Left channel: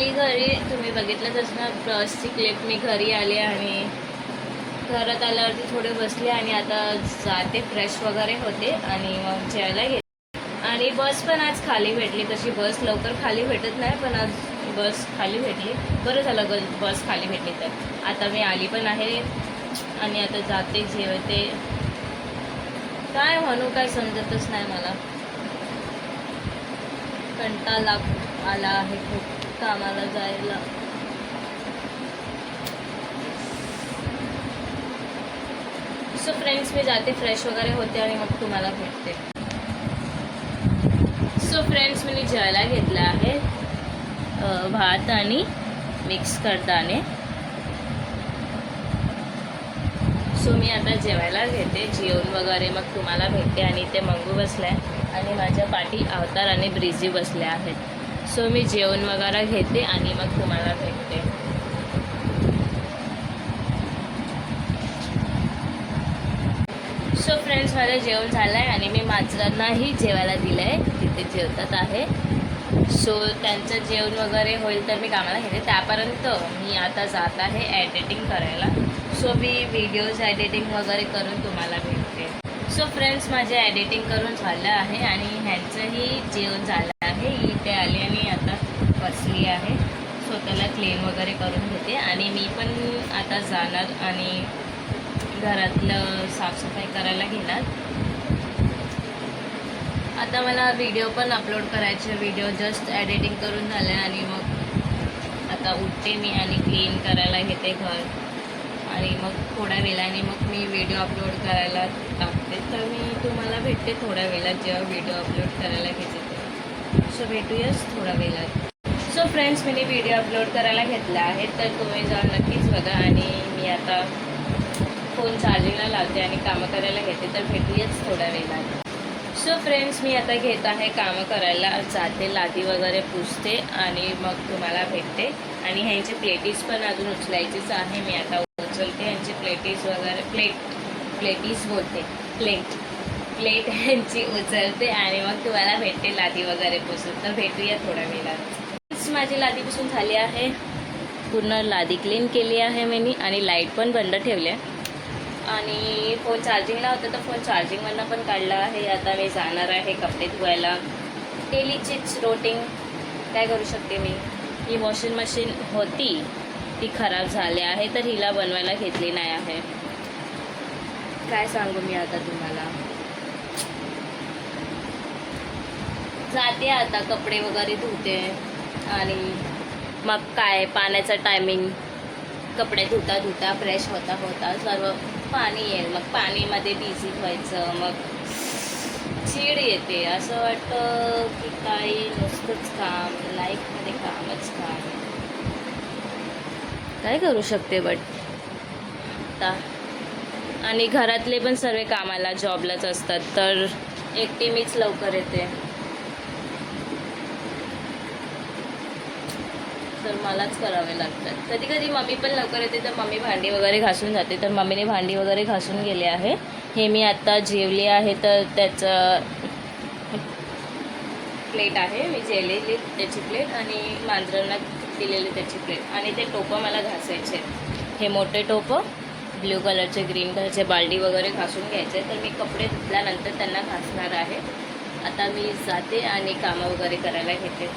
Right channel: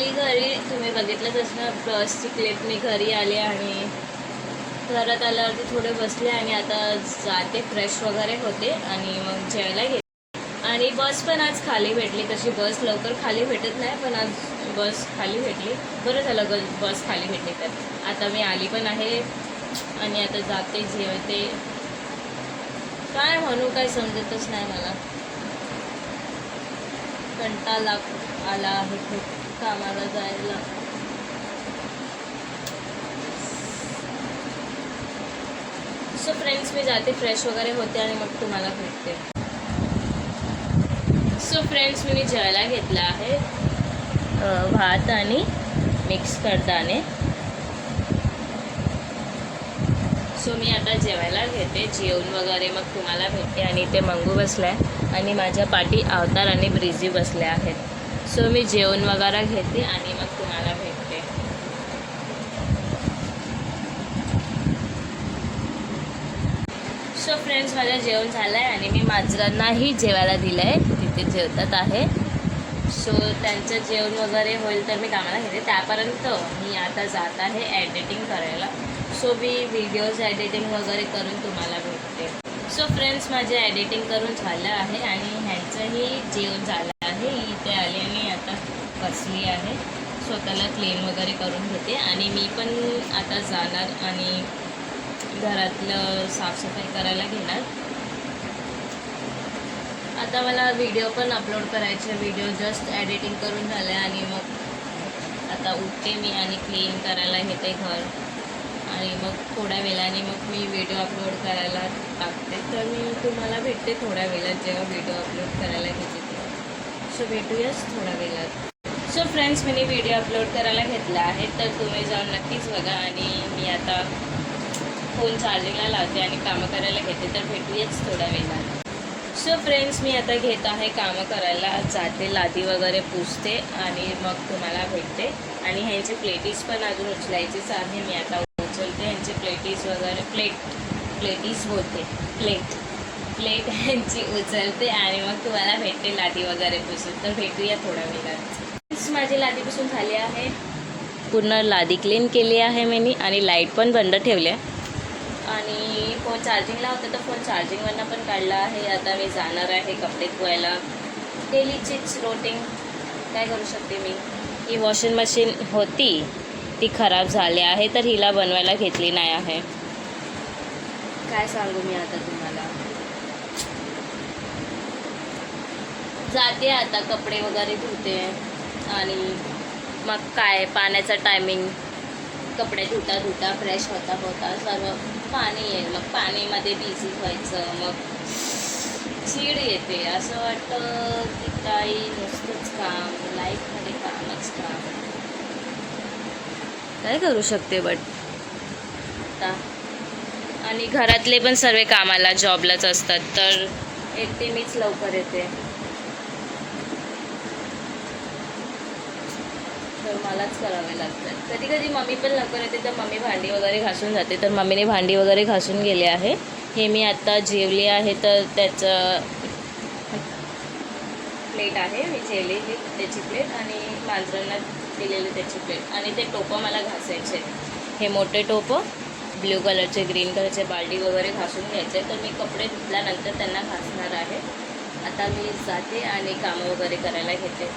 आली घरी, तुम्ही बघितलंच ना बसची क्लिप. मी घरी आले आणि घरात आल्यावरती थोडे बसले आणि आता जाते, फ्रेश वगैरे होते आणि मग जेवायला घेते. आणि बस पण आज खाली भेटली. तशी बस लवकर खाली भेटत नाही, पण आज बस खाली भेटली. बरं झालं बस खाली भेटली. तर आता मी आली पण आहे आणि आता जाते, जेवते. काय म्हणू, काय समजतच नाही मला. कंटाळा आला आहे खूप कामाला जायला. सो फ्रेंड्स, मी जाते, फ्रेश वगैरे होते आणि मग तुम्हाला भेटते. सो फ्रेंड्स, मी जेवायला घेतला आहे भात आणि मिक्स कडधान्ये. सो मी आता जेवायला घेते, जेवण वगैरे मग तुम्हाला भेटते. आणि ते मंगू बसलाय आणि माझ्या पाठी अवतार आणि ब्रिझी बसले आहेत. सो मी जेवण वगैरे घेते आणि मग तुम्हाला भेटते. सो फ्रेंड्स, माझं जेवण झालं आहे आणि मी माजरांनाही जेवायला दिलं आहे. तिथे जेवतात आहे. सो त्यांचं जेवण वगैरे होईल तर मी कामाला घेते. त्यापर्यंत मी आता जात आहे एडिटिंग करायला. सो मी व्हिडिओज एडिटिंग वगैरे करून तुम्हाला भेटते. सो फ्रेंड्स, माझे एडिटिंग करून झालं आहे आणि ह्यांचंही जेवण झालं आहे. इथे आले आणि आता बसली आहे, स्वतःला क्लीन वगैरे करून घेते. आणि मी पण आता जाणार आणि घरातलं साफसफाई करायला घेणार. आता मला व्हिडिओ पण अपलोड करायचे. व्हिडिओ जस्ट एडिटिंग करून झाले आणि मग आता उठते मी आणि क्लीन करायला घेते घर. आणि मग थोड्या वेळाने मग मी व्हिडिओ अपलोड करायला टाकते. तर मी तुम्हाला भेटते थोड्या वेळात, जेव्हा व्हिडिओ अपलोड करायला घेते तेव्हा. सो भेटूयाच थोड्या वेळात. सो फ्रेंड्स, मी व्हिडिओ अपलोड करायला घेतला आहे, तर तुम्ही जाऊन नक्कीच बघा. आणि मी आता फोन चार्जिंगला लावते आणि कामं करायला घेते. तर भेटूयाच थोड्या वेळात. सो फ्रेंड्स, मी आता घेत आहे कामं करायला, जाते, लादी वगैरे पुसते आणि मग तुम्हाला भेटते. आणि ह्यांची प्लेटीज पण अजून उचलायचीच आहे. मी आता उचलते ह्यांची प्लेटीज वगैरे. प्लेटीज बोलते, प्लेट ह्यांची उचलते आणि मग तुम्हाला भेटते लादी वगैरे पुसून. तर भेटूया थोड्या वेळात. माझी लादी पुसून झाली आहे, पूर्ण लादी क्लीन केली आहे मी. आणि लाईट पण बंद ठेवल्या. आणि फोन चार्जिंगला होता तर फोन चार्जिंगवरनं पण काढला आहे. आता मी जाणार आहे कपडे धुवायला. डेलीचीच रोटीन, काय करू शकते मी. ही वॉशिंग मशीन होती, ती खराब झाली आहे, तर हिला बनवायला घेतली नाही आहे. काय सांगू मी आता तुम्हाला. जाते आता, कपडे वगैरे धुते आणि मग काय, पाण्याचा टायमिंग, कपडे धुता धुता, फ्रेश होता होता सर्व पाणी येईल. मग पाणीमध्ये बिझी व्हायचं, मग चीड येते. असं वाटतं की काही नुसतंच काम, लाईफमध्ये कामच काम. काय करू शकते बट आता. आणि घरातले पण सर्व कामाला, जॉबलाच असतात, तर एकटे मीच लवकर येते. तर मलाच करावे लागतात. कधी कधी मम्मी पण लवकर येते, तर मम्मी भांडी वगैरे घासून जाते. तर मम्मीने भांडी वगैरे घासून गेले आहे. हे मी आत्ता जेवली आहे, तर त्याचं प्लेट आहे, मी जेवलेली त्याची प्लेट आणि मांजरांना दिलेली त्याची प्लेट. आणि ते टोपं मला घासायचे. हे मोठे टोपं, ब्ल्यू कलरचे, ग्रीन कलरचे, बाल्डी वगैरे घासून घ्यायचे. तर मी कपडे धुतल्यानंतर त्यांना घासणार आहे. आता मी जाते आणि कामं वगैरे करायला घेते.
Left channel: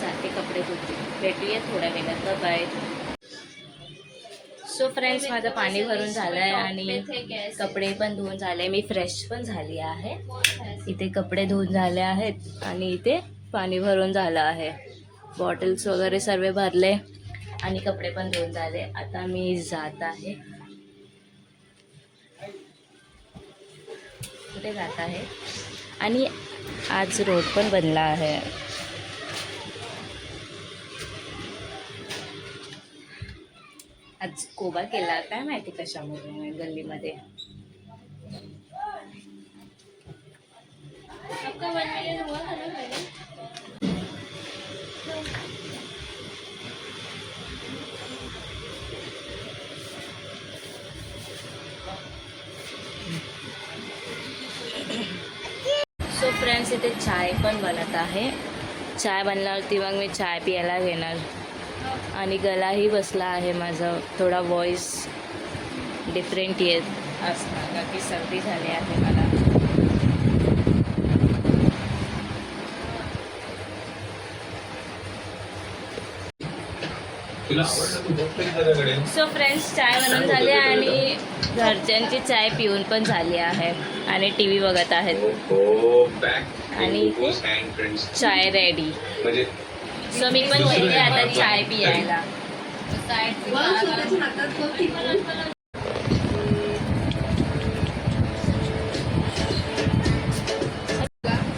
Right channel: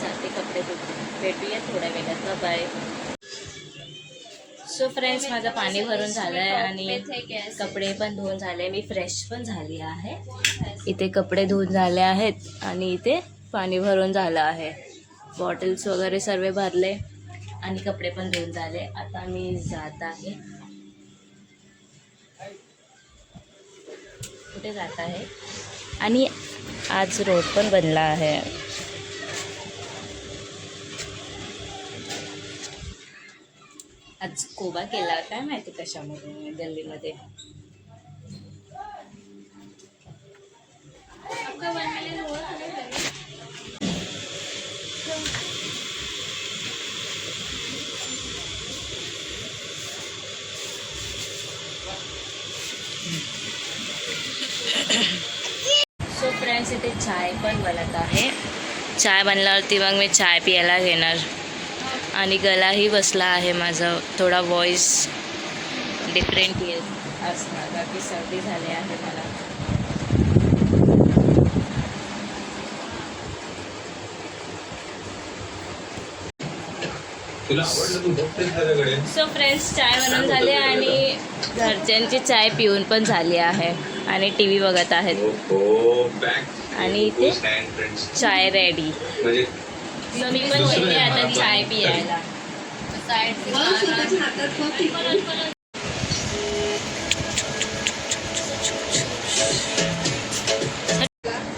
जाते, कपडे धुते. भेटूया थोड्या वेळात. बाय. सो फ्रेंड्स, माझं पाणी भरून झालं आहे आणि कपडे पण धुवून झाले. मी फ्रेश पण झाली आहे. इथे कपडे धुवून झाले आहेत आणि इथे पाणी भरून झालं आहे. बॉटल्स वगैरे सर्व भरले आणि कपडे पण धुवून झाले. आता मी जात आहे. कुठे जात आहे. आणि आज रोड पण बनला आहे. आज कोबा केला, काय माहिती कशामुळे गल्लीमध्ये. सो फ्रेंड्स, इथे चाय पण बनत आहे. चाय बनल्यावरती मग मी चाय प्यायला घेणार. आणि गलाही बसला आहे माझा, थोडा व्हॉइस डिफरंट येत असणार का की सर्दी झाली आहे मला. सो फ्रेंड्स, चाय बनवून झाली आणि घरच्यांची चाय पिऊन पण झाली आहे आणि टी व्ही बघत आहेत. आणि इथे चाय रेडी. सो मी पण घेते आता चाय पियायला.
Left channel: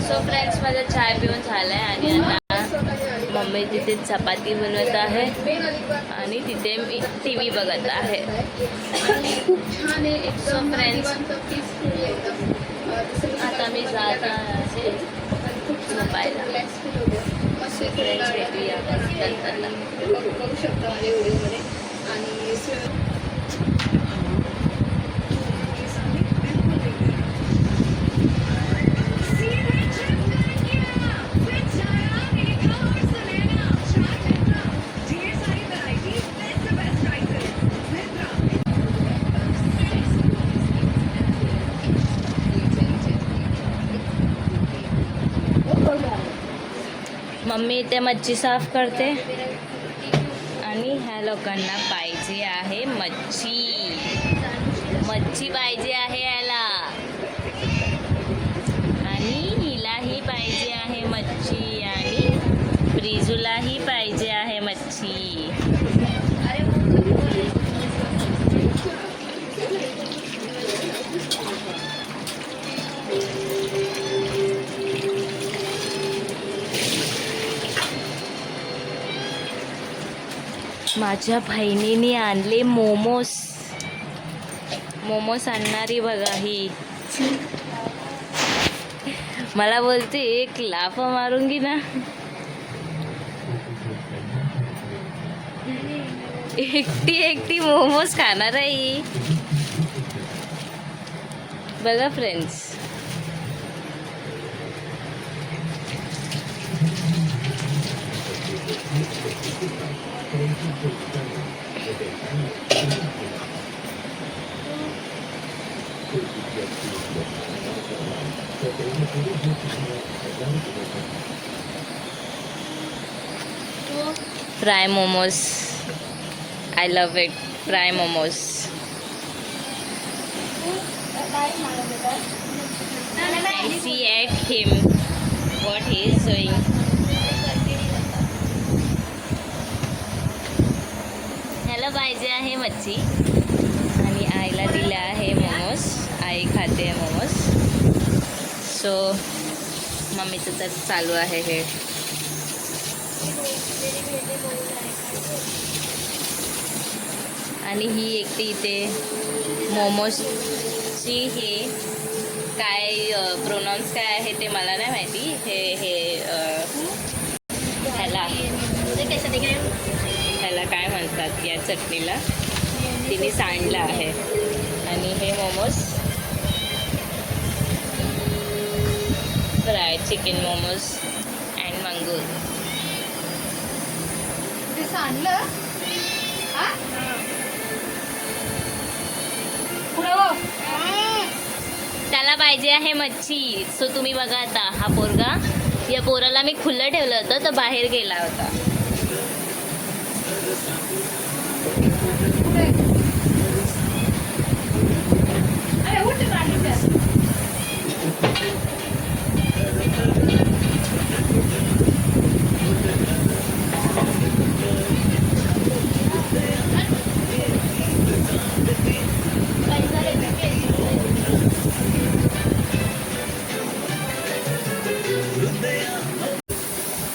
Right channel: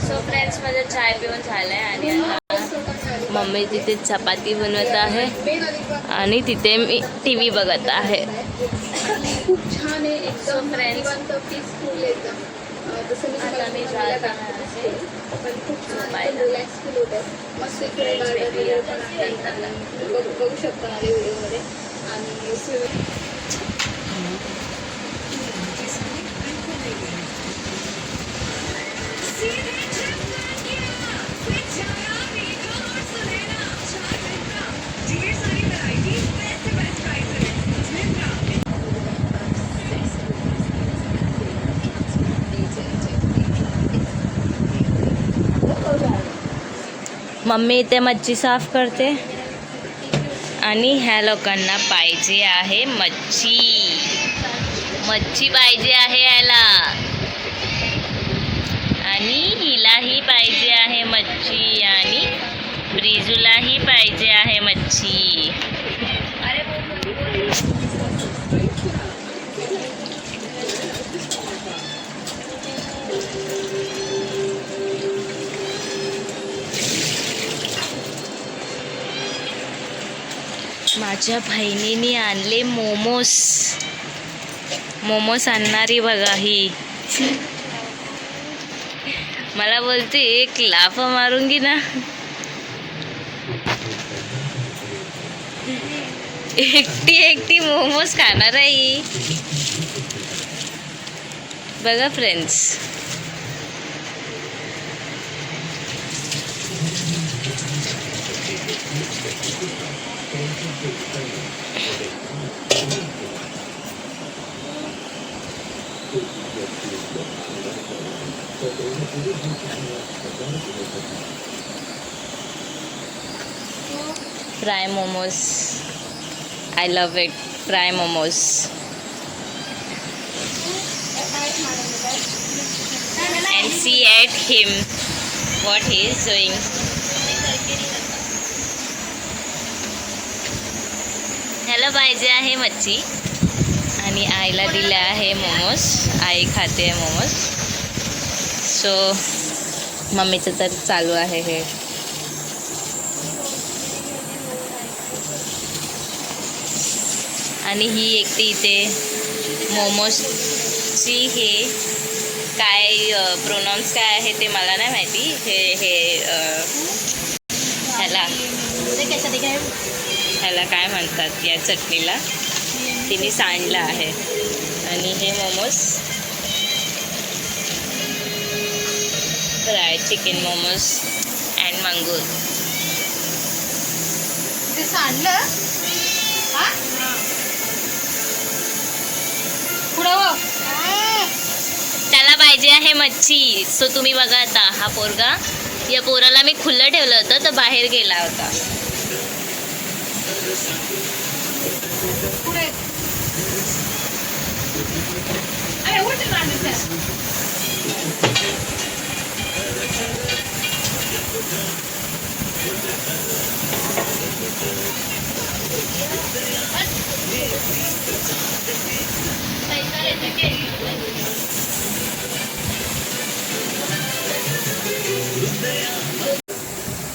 सो फ्रेंड्स, माझं चाय पिऊन झालं आहे आणि आता मम्मी तिथे चपाती बनवत आहे आणि तिथे मी टी व्ही बघत आहे. सो फ्रेंड्स, आता मी जात आहे झोपायला. बघू शकतो माझ्या व्हिडिओमध्ये. आणि मम्मी इथे मच्छी साफ करते आणि ह्या लोकांना पाहिजे आहे मच्छी. मच्छी पाहिजे आहे याला आणि हिलाही पाहिजे आहे मच्छी आणि ब्रिजूलाही पाहिजे आहे मच्छी. माझ्या बहिणीने आणले मोमोज. मोमोज आणणारी बघा ही. मला बोलते एक लाफ मारूंगी ना. एकटी मोमोज खाणार आहे ही. बघा friends, fry momos. I love it. Fry momos. And see at him what he is doing. ह्याला पाहिजे आहे मच्छी आणि आईला दिले आहे मोमोज. आई खाते आहे मोमोज. सो मम्मीचं तर चालू आहे हे. आणि ही एकटी इथे मोमोजची हे काय प्रोनाउन्स काय आहे ते मला नाही माहिती. ह्याला काय म्हणतात या चटणीला, तिने सांडलं आहे. आणि हे momos fry chicken momos and मंगूर. ते सांडलं त्याला पाहिजे आहे मच्छी. सो तुम्ही बघा आता हा पोरगा, या पोराला मी खुलं ठेवलं होतं तर बाहेर गेला होता.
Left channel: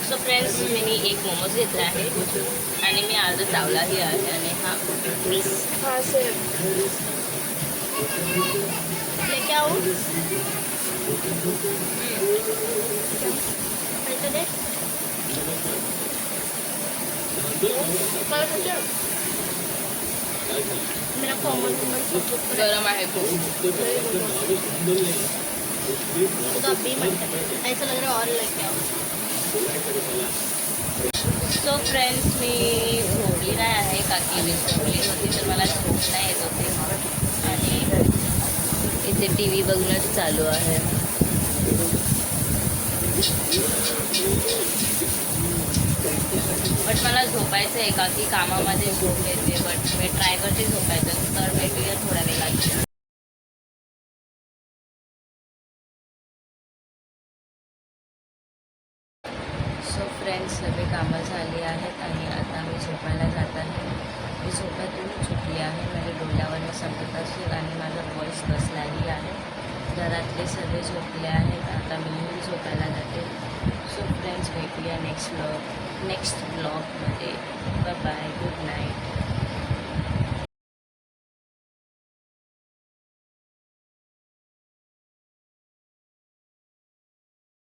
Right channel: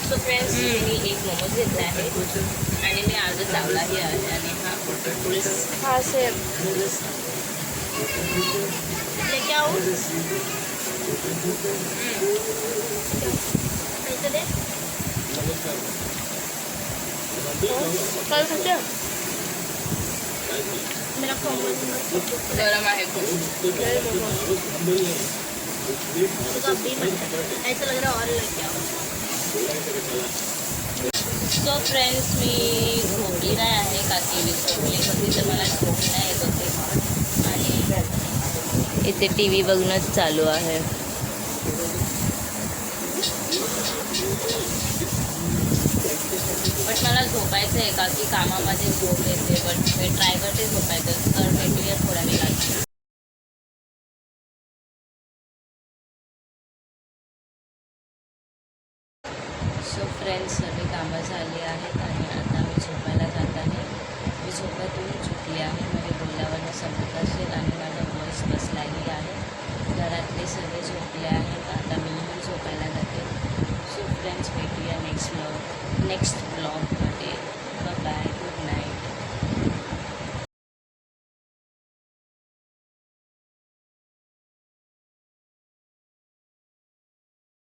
सो फ्रेंड्स, मी एक मोमोज घेतला आहे आणि मी अर्धा चावलाही आहे. आणि हा गरम आहे खूप. ऐसा लग रहा है और लग गया. सो फ्रेंड्स, मी झोपली नाही आहे का की मी झोपली होती तर मला झोप नाही येत होते आणि इथे टी व्ही बघणंच चालू आहे. बट मला झोपायचं आहे का की कामामध्ये झोप येते. बट मी ट्राय करते झोपायचं. तर भेटूया थोड्या वेळात. सो फ्रेंड्स, सगळी कामं झाली आहेत आणि आता मी झोपायला जात आहे. मी झोपातून सुटली आहे. माझ्या डोळ्यावरनं समजत असेल आणि माझा व्हॉईस बसलाही आहे. घरातले सगळे झोपले आहेत. आता मी झोपायला जाते. सो फ्रेंड्स, भेटूया नेक्स्ट ब्लॉगमध्ये. Bye bye, good night.